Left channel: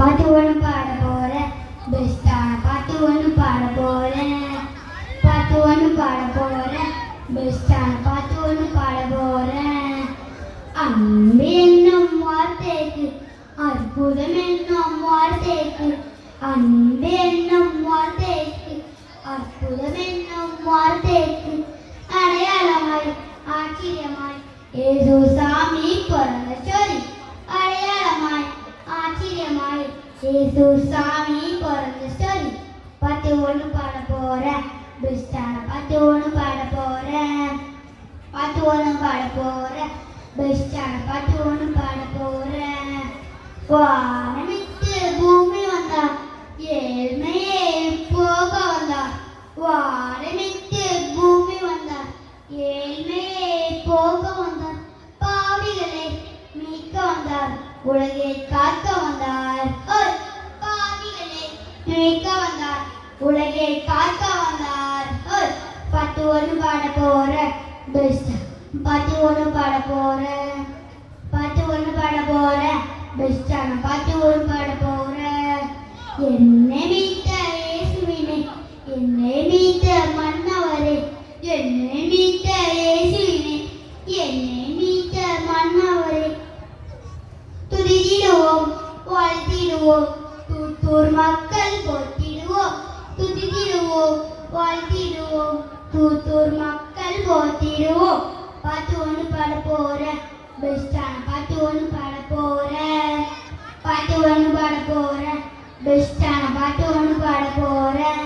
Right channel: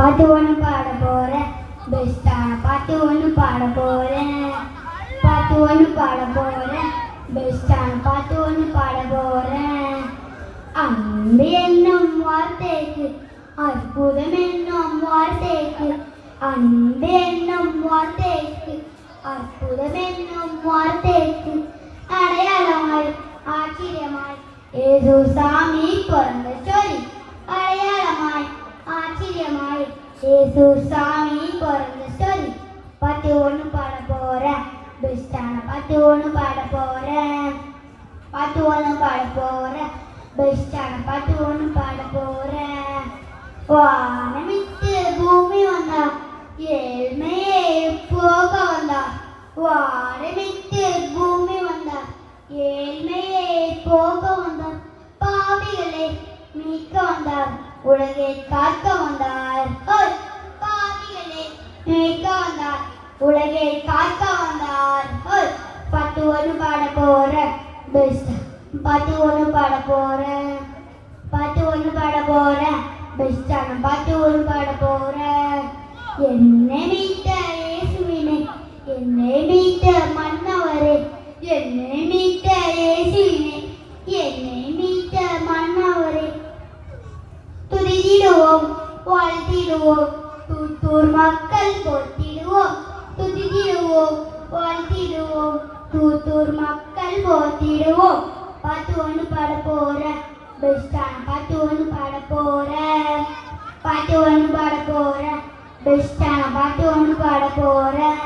பாட்டு ஒன்று பாட போறேன் பெஸ்டான பாட்டு ஒன்று பாட போறேன் பாட்டு ஒன்று பாட போறேன் பெஸ்டான பாட்டு ஒன்று பாட போறேன் அன்பு என்னும் வார்த்தைக்கு அற்புதம் என்னும் வார்த்தைக்கு அன்பு என்னும் வார்த்தைக்கு அற்புதம் என்னும் வார்த்தைக்கு அடையாளமாய் ஆச்சரியமாய் ஏசு சாமி பிறந்த சொல்லி அடையாளமாய் ஆச்சரியமாய் ஏசு சாமி பிறந்த சொல்லி பாட்டு ஒன்று பாட போறேன் பெஸ்டான பாட்டு ஒன்று பாட போறேன் பாட்டு ஒன்று பாட போறேன் பெஸ்டான பாட்டு ஒன்று பாட போறேன் வானமிட்டு பூமி வந்தார் ஏழ்மையே போக வந்தார் வானமிட்டு பூமி வந்தார் ஏழ்மையே போக வந்தார் பாவிகளை மீட்க வந்தார் உலகை காக்க வந்தார் பாவிகளை மீட்க வந்தார் உலகை காக்க வந்தார் பாட்டு ஒன்று பாட போறேன் பெஸ்ட் பாட்டு ஒன்று பாட போறேன் பாட்டு ஒன்று பாட போறேன் பெஸ்டான பாட்டு ஒன்று பாட போறேன் என்னை மீட்ட இயேசுவினை என்னை மீட்ட மன்னவரே என்னை மீட்ட இயேசுவினை என்னை மீட்ட மன்னவரே துதித்திடுவோம் வாழ்த்திடுவோம் தூத்தூர் மக்கள் போற்றிடுவோம் துதித்திடுவோம் வாழ்த்திடுவோம் தூத்தூர் மக்கள் போற்றிடுவோம் பாட்டு ஒன்று பாட போறேன் பெஸ்டான பாட்டு ஒன்று பாட போறேன் பாட்டு ஒன்று பாட போறேன் பெஸ்டான பாட்டு ஒன்று பாட போறேன்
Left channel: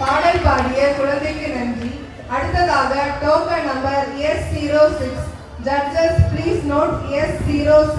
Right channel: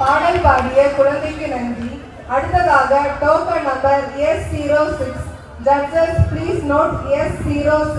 பாடல் பாடிய குழந்தைக்கு நன்றி. அடுத்ததாக token number S06. Judges, please note S06.